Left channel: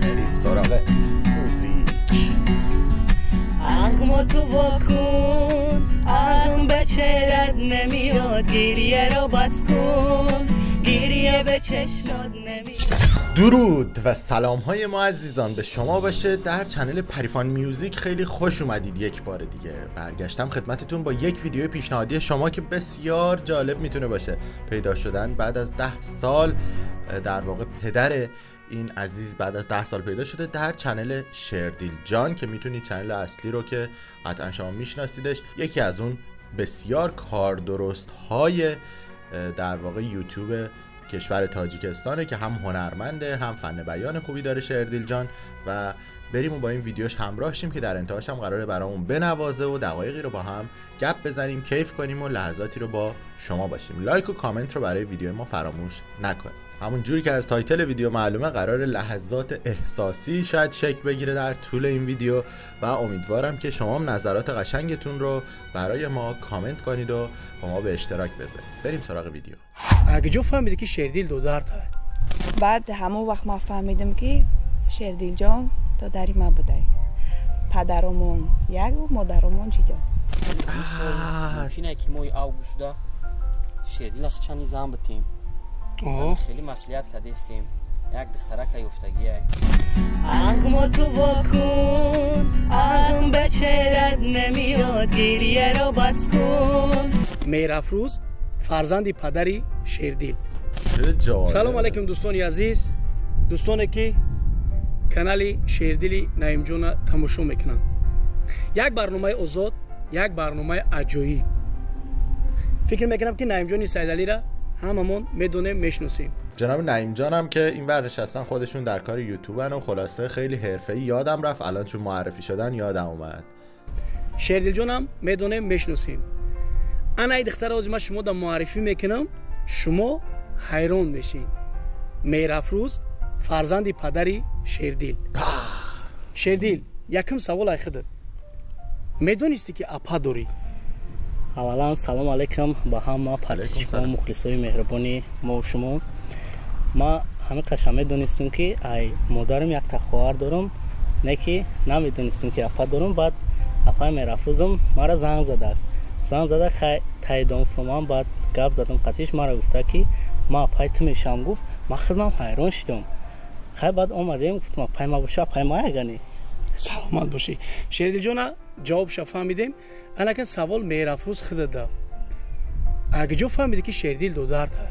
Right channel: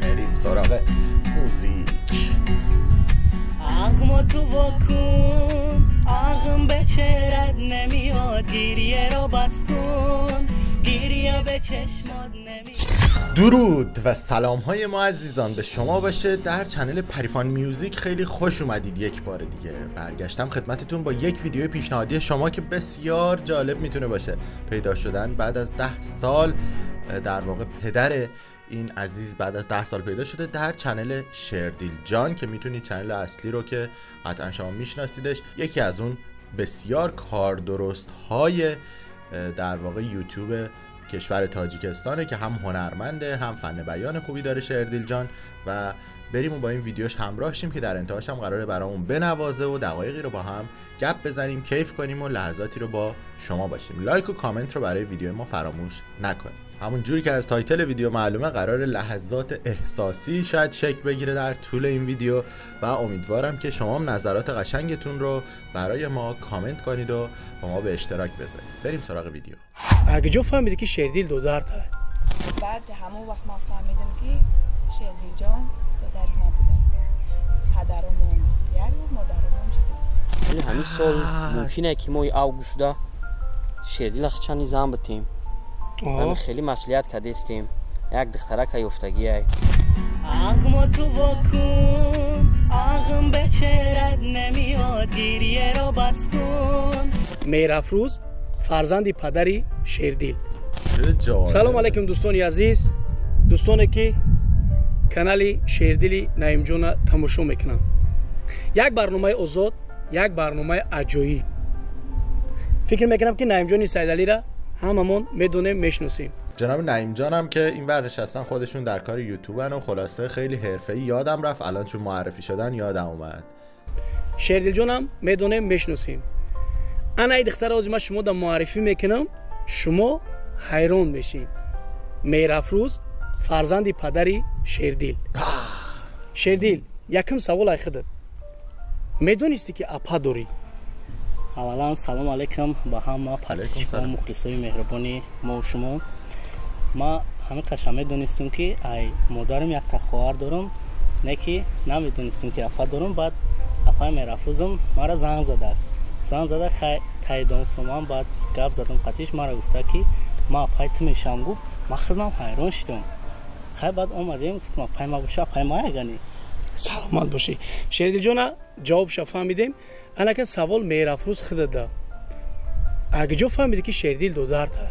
بریم سراغ موزیک. عقم تو واکن، عقم به چهرت نمیاد، گریه رو بس کن، گریه به چشمات نمیاد. درود و سلام های ما عزیزان به شما باشه. در چنل پریفان میوزیک خیلی خوش اومدید. یک بار دیگه برگشتم خدمتتون با یک ویدیو پیشنهادی شما که بسیار جالب میتونه باشه. پیدا شدن بعد از 10 سال، در واقع پدر این عزیز بعد از 10 سال پیدا شده در چنل شردیل جان که میتونید چنل اصلی رو که قطعا شما میشناسیدش، یکی از اون بسیار کار درست های در واقع یوتیوب کشور تاجیکستانه که هم هنرمنده هم فن بیان خوبی داره شردیل جان. و بریم و با این ویدیوش همراه شیم که در انتهاش هم قراره برامون بنوازه و دقایقی رو با هم گپ بزنیم، کیف کنیم و لحظاتی رو با شما باشیم. لایک و کامنت رو برای ویدیو ما فراموش نکنید. همون جوری که از تایتل ویدیو معلومه قرار لحظات احساسی شاید شکل بگیره در طول این ویدیو و امیدوارم که شما هم نظرات قشنگتون رو برای ما کامنت کنید و با ما به اشتراک بذارید. بریم سراغ ویدیو. اگه جو فهمیدی که شردیل دو درد های، بعد همون وقت ما فهمیدم که شردیل جان تو داری ما بودی، پدرمون یک و مادرمون جدا. همین سال ممکنه که ما اوگوستا شردیل خچانی زن بتیم. من خیلی مسئولیت کردیم. یک دخترک یافتگی ای. عقم تو واکن، عقم به چهرت نمیاد، گریه رو بس کن. میرافروز فرزند پدری شردیل. سلام علیکم دوستان عزیز، دوستانی که کانال شردیل نعیم جان تماشا میکنن. یک برنامه آزاد، یک برنامه عجایب. فکر میکنم که نعیم جان سیدعلی را هممون میدونیم میشناسیم. جناب نعیم جان هم که این ور نشستن خودشون در کار یوتیوبن و خلاصه خیلی حرفه‌ای. یادم رفت الان چون معرفی شدن یادم اومد. شردیل جان هم میدونیم میشناسیم. انا ای دختر از ما شما دا معرفی میکنم، شما حیران میشین. میرافروز فرزند پدری شردیل. شردیل یکم سوال ای خودت میدونستی که اپا داری؟ اولا سلام علیکم با همه پادشاه مخلصای مهربانی ما و شما. ما همه قشنگ دونستیم که ای مادرم یک تا خواهر دارم، نه که نمیدونستیم که اپا دارم. بعد اپا میرافروزم ما را زنگ زده خیلی تاییدم فرمان. بعد گپ زدم قطعیش ما را گفته که ما اپای تو میشم. گفت ما خودم حیران شدم. خیلی بعد اومدیم گفتم اپای ما باشه، اپای ما یگانی. سلامت باشی. شردیل جان جواب فهمیدیم. انا که سوال میرافروز خودت ده. اگه جو فهمیدی که شردیل دو درد های،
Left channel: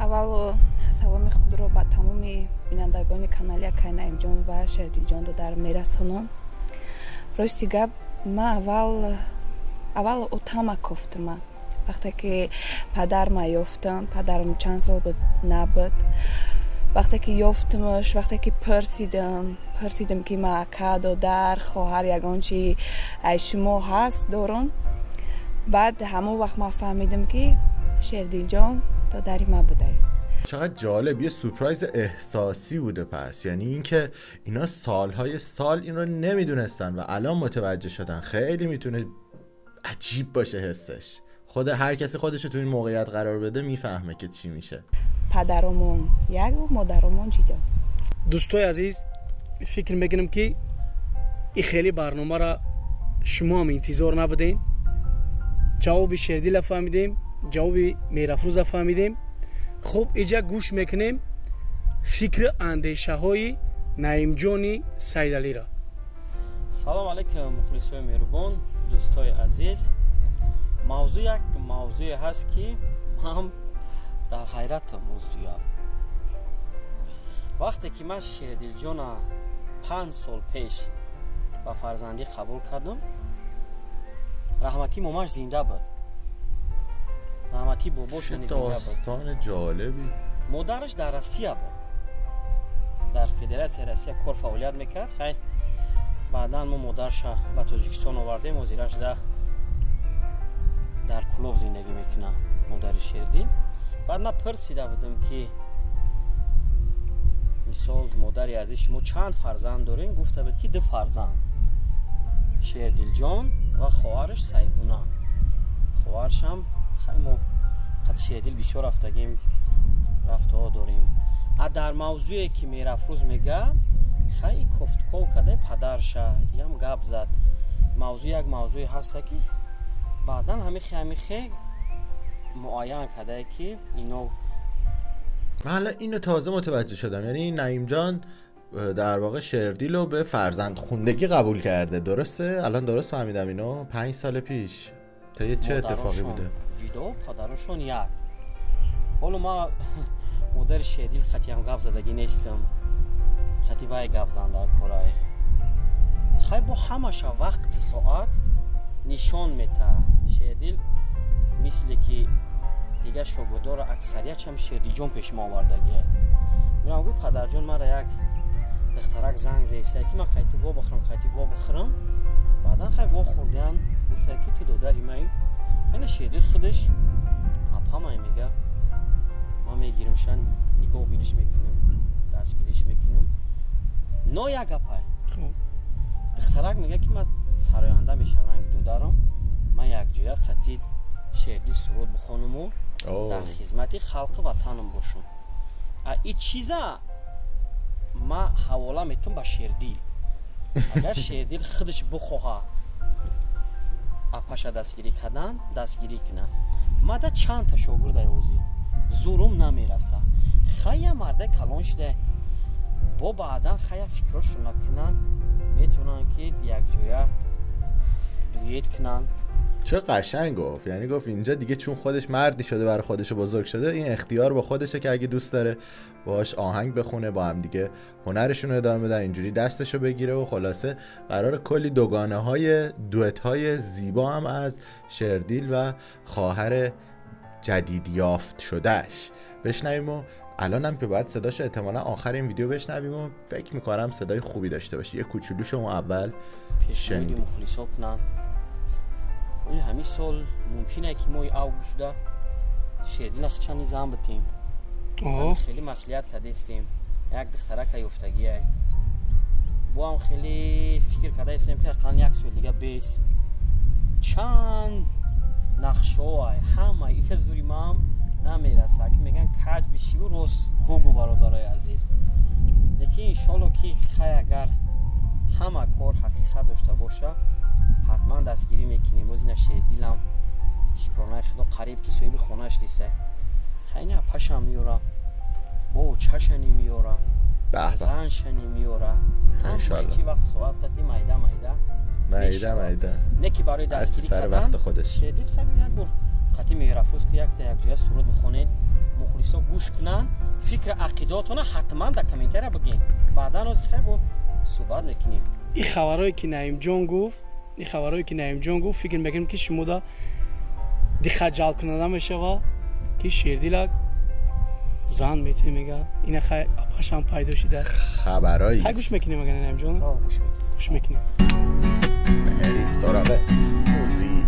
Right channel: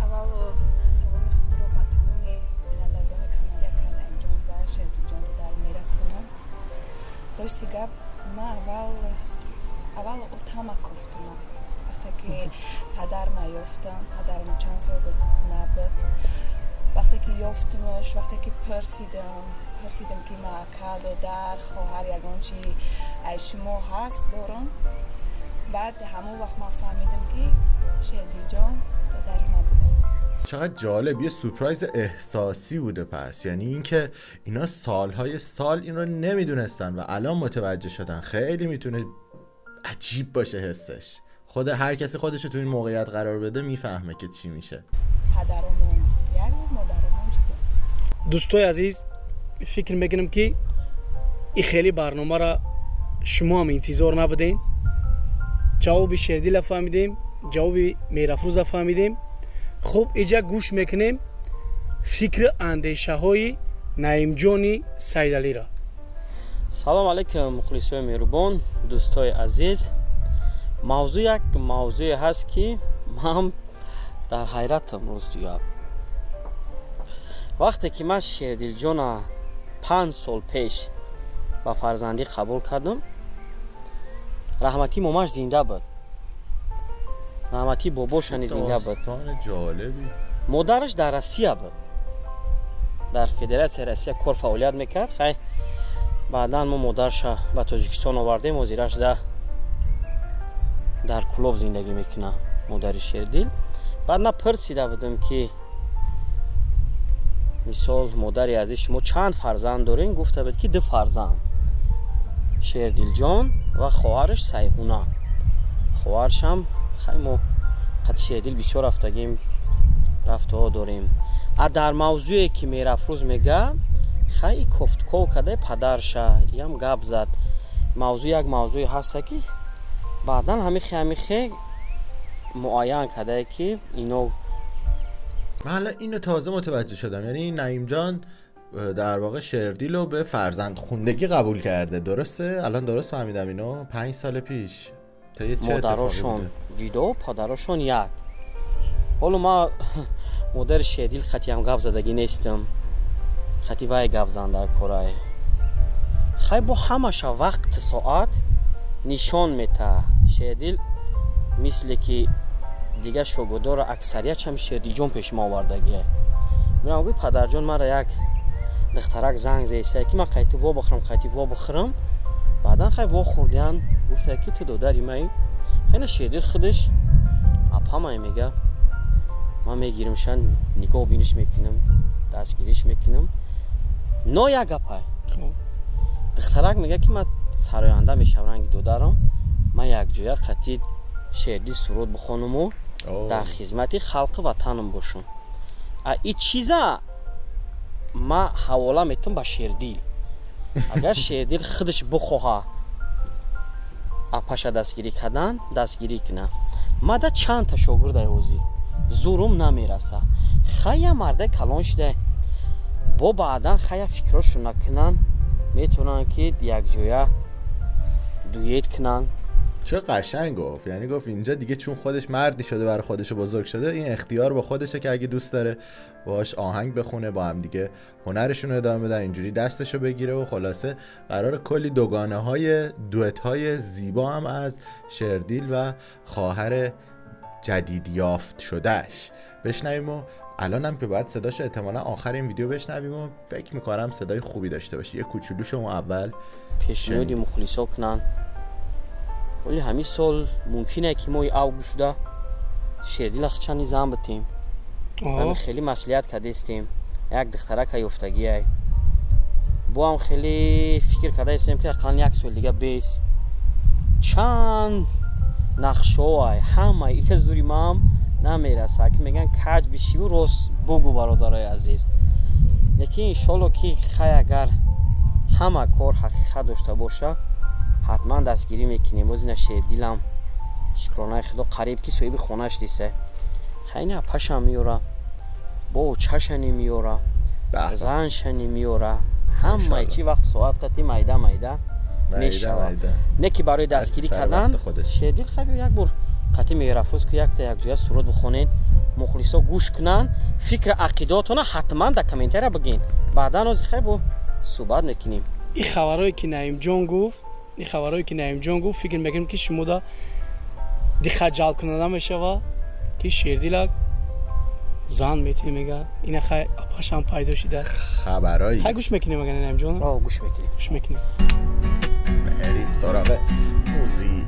اول سلام خود رو با تمام بینندگان کانال نعیم جان و شردیل جان رو در میرسونم. راستی گپ ما اول اتاما گفتم. وقتی که پدر ما یافتم، پدرم چند سال بود نبود. وقتی که یافتمش، وقتی که پرسیدم که ما اکا دادر خواهر یگان چی ای شما هست دارم. بعد همون وقت ما فهمیدم که شردیل جان دادری ما بوده. چقدر جالب، یه سورپرایز احساسی بوده. پس یعنی اینکه اینا سالهای سال این رو نمیدونستن و الان متوجه شدن. خیلی میتونه عجیب باشه حسش. خود هر کسی خودش رو تو این موقعیت قرار بده میفهمه که چی میشه. پدرمون یک و مادرمون جدا. دوستای عزیز، فکر میکنم که این خیلی برنامه را شما هم انتظار نبودین. جواب شردیل فهمیدیم، جواب میرافروز فهمیدیم. خوب اینجا گوش میکنیم فکر اندیشه های نعیم جان سیدعلی را. سلام علیکم مخلصای مهربان، دوستای عزیز. موضوع یک موضوع هست که من در حیرتم روزیاب. وقتی که من شردیل جان 5 سال پیش با فرزندی قبول کردم، رحمتی ماماش زنده بود، رحمتی باباش زنده بود. داستان جالبی. مادرش در روسیه بود، در فدراسیون روسیه کار فعالیت میکرد. خیلی بعدا ما مادرش به تاجیکستان آوردیم و زیرش در کلوب زندگی میکنه، مادر شردیل. بعد من پرسیده بودم که مثال مادری عزیز شما چند فرزند دارین؟ گفته بود که 2 فرزند، شردیل جان و خواهرش سیحونه. خواهرش هم خیلی ما خط شردیل بسیار رفته ها داریم. در موضوعی که میرفروز میگه خیلی کفتکو کده پدرشه یم گپ زد موضوع یک موضوعی هست که بعدا همیخه معاین کده که اینو حالا اینو تازه متوجه شدم. یعنی نعیم جان در واقع شردیل رو به فرزند خوندگی قبول کرده، درسته؟ الان درست فهمیدم اینو؟ 5 سال پیش تا یه چه اتفاقی بوده؟ ویدو پدرشون یک حالا ما مادر شردیل خطی هم گپ زدگی نیستم، خطی وای گپ زن در کورای خیلی با همش وقت ساعت نشان میته شردیل مثل که دیگه شوگودار اکثریت هم شردیل جون پیش ما آوردگیه. میرم گوی پدر جان مرا یک دخترک زنگ زیسته که من خیلی وا بخورم بعدا خیلی وا خوردیان گفته که تو دادری مایی خیلی شردیل خودش اپا مایی میگه من میگیرم شن نگاه بینش میکنم دستگیریش میکنم نو یک اپای دخترک میگه که من سراینده میشم رنگ دادرم من یک جویا خطی شردیل سرود بخونم و در خدمت خلق وطنم باشم. این چیزا ما حواله میتونم با شردیل اگر شردیل خودش بخواه اپاش دستگیری کردن دستگیری کنه. ما دا چند تا شاگرد اوزی زورم نمیرسه خیلی مرده کلان شده با بعدا خیلی فکرش نکنن میتونن که یک جویا دویت کنن. چه قشنگ گفت. یعنی گفت اینجا دیگه چون خودش مردی شده برای خودش بزرگ شده این اختیار با خودشه که اگه دوست داره باهاش آهنگ بخونه با هم دیگه هنرشون رو ادامه بدن اینجوری دستشو بگیره و خلاصه قرار کلی دوگانه های دوئت های زیبا هم از شردیل و خواهر جدید یافت شدهش بشنویم و الان هم که باید صداش احتمالا آخر این ویدیو بشنویم و فکر میکنم صدای خوبی داشته باشه. یه کوچولو شما اول پیشنهادی مخلصا کنن ولی همین سال ممکنه که ما اوگوست شردیل خچانی زن بتیم همین خیلی مسئولیت کرده استیم یک دخترک یافتگی ای با هم خیلی فکر کرده استیم که اقلا یک سال دیگه بیست چند نقشه های همه یک از دوری ما هم نمیرسه که میگن کج بشی و راست بگو برادرای عزیز لیکن انشالله که خیلی اگر همه کار حقیقت داشته باشه حتما دستگیری میکنیم. باز این شردیلم شکرانه خدا قریب که صاحب خونهش دیسه خیلی پشم میوره با چشنی میوره زنشنی میوره همه چی وقت ساعت قطعی میده نه که برای دستگیری کردن شردیل خیلی یک بار قطعی میرفوز که یک تا یک جویا سرود بخونین مخلصا گوش کنن فکر عقیداتون حتما در کامنتر بگین بعدا از خیلی با صحبت میکنیم. این خبرهایی که نعیم جان گفت فکر میکنم که شما دا خجال کننده میشه و که شردیل زن میتونه میگه این خیلی اپاش هم پیدا شده خبرهایی خیلی گوش میکنیم اگر نعیم جان گوش میکنیم بریم سراغ موزیک.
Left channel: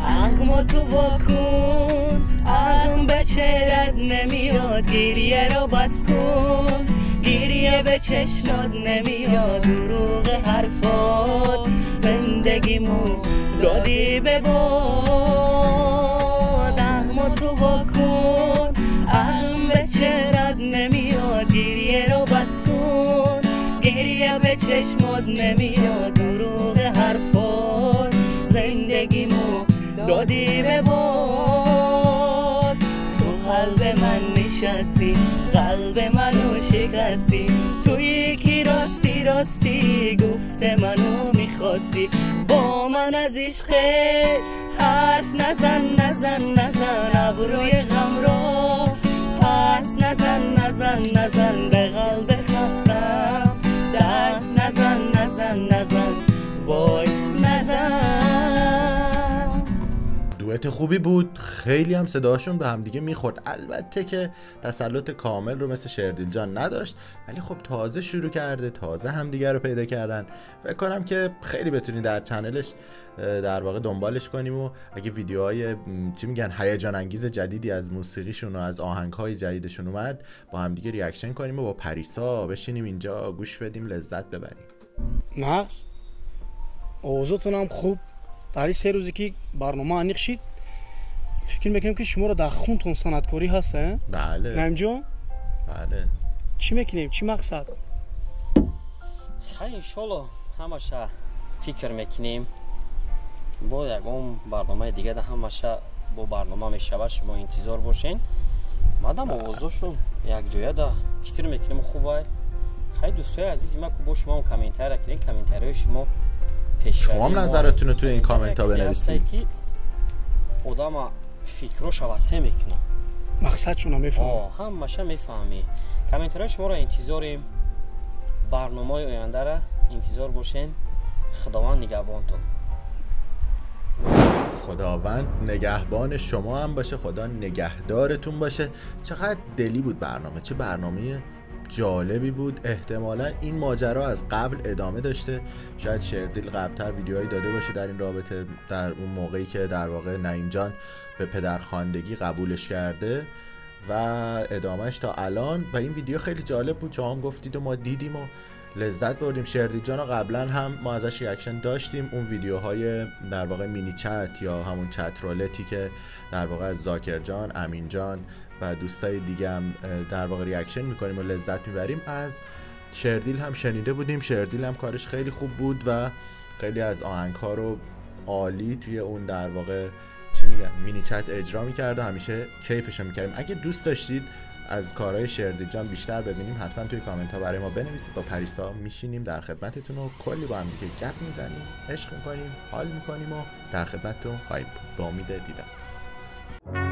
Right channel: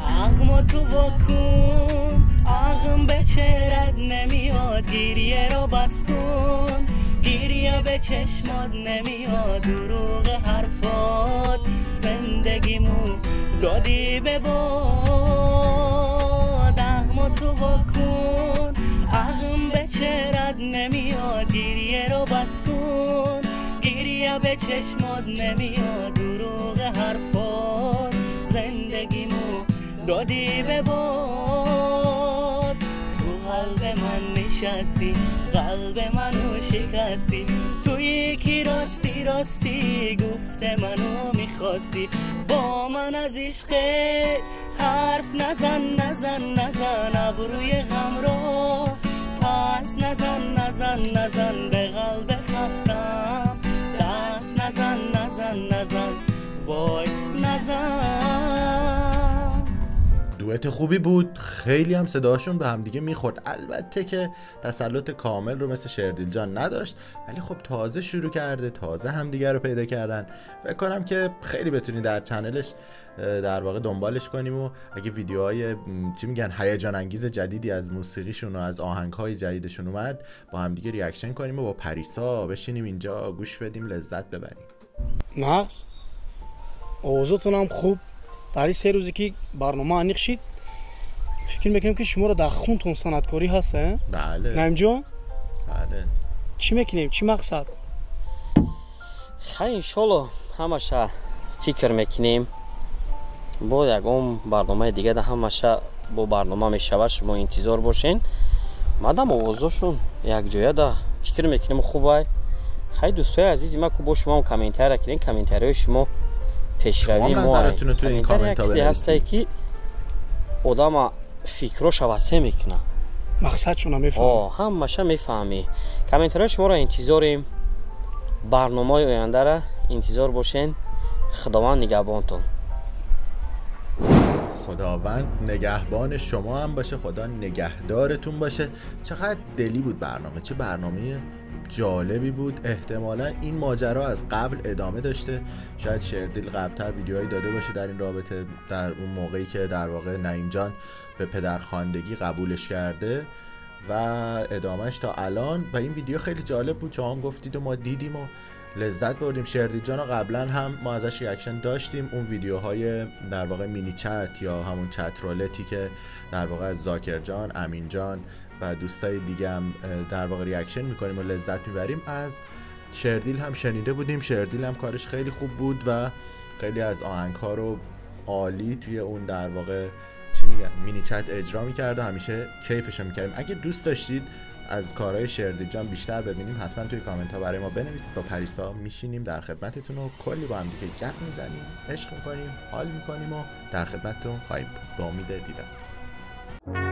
اغم تو واکن اغم به چهرت نمیاد گریه رو بس کن گریه به چشمات نمیاد دروغ حرفات زندگیمو دادی به باد اغم تو واکن اغم به چهرت نمیاد گریه رو بس کن گریه به چشمات نمیاد دروغ حرفات زندگیمو دادی به باد تو قلب من نشستی قلب منو شکستی تو یکی راستی گفته منو میخواستی با من از عشق حرف نزن ابروی غم رو پس نزن به قلب خستم دست نزن وای نزن. دوئت خوبی بود خیلی هم صداشون به هم دیگه میخورد. البته که تسلط کامل رو مثل شردیل جان نداشت ولی خب تازه شروع کرده تازه هم دیگه رو پیدا کردن. فکر کنم که خیلی بتونی در چنلش در واقع دنبالش کنیم و اگه ویدیوهای چی میگن هیجان انگیز جدیدی از موسیقیشون و از آهنگهای جدیدشون اومد با هم دیگه ریاکشن کنیم و با پریسا بشینیم اینجا گوش بدیم لذت ببریم. نقص اوضاعتون هم خوب در 3 روزی که برنامه انیق شید فکر میکنم که شما رو در خونتون صنعتکاری هست. بله نعیم جان بله. چی میکنیم؟ چی مقصد؟ خیلی انشالله همشه فکر میکنیم با یکم برنامه دیگه ده همشه با برنامه میشود، شما انتظار باشین. مادام آوازشون یک جایه ده فکر میکنیم خوبه. خیلی دوستای عزیزی ما که با شما کامنتر کردین، کامنترهای شما پیشروی شما نظرتون رو تو این کامنت ها بنویسید که آدم فکرش واسه میکنه، مقصدشون رو میفهمه. همشه میفهمی. کامنترهای شما رو انتظاریم. برنامه آینده را انتظار باشین. خداوند نگهبانتون. خداوند نگهبان شما هم باشه، خدا نگهدارتون باشه. چقدر دلی بود برنامه، چه برنامه جالبی بود. احتمالا این ماجرا از قبل ادامه داشته، شاید شیردیل قبلتر ویدیوهایی داده باشه در این رابطه، در اون موقعی که در واقع نعیم جان به پدرخواندگی قبولش کرده و ادامهش تا الان. و این ویدیو خیلی جالب بود، شما هم گفتید و ما دیدیم و لذت بردیم. شیردیل جان رو قبلا هم ما ازش ریاکشن داشتیم، اون ویدیوهای در واقع مینی چت یا همون چت رولتی که در واقع از زاکر جان، امین جان و دوستای دیگه هم در واقع ریاکشن میکنیم و لذت میبریم. از شیردیل هم شنیده بودیم، شیردیل هم کارش خیلی خوب بود و خیلی از آهنگ‌ها رو عالی توی اون در واقع چی میگن مینی چت اجرا میکرد و همیشه کیفش میکردیم. اگه دوست داشتید از کارهای شیردیل جان بیشتر ببینیم حتما توی کامنت ها برای ما بنویسید. با پریسا میشینیم در خدمتتون و کلی با هم دیگه گپ میزنیم، عشق میکنیم، حال میکنیم و در خدمتتون خواهیم بود. با امید دیدار.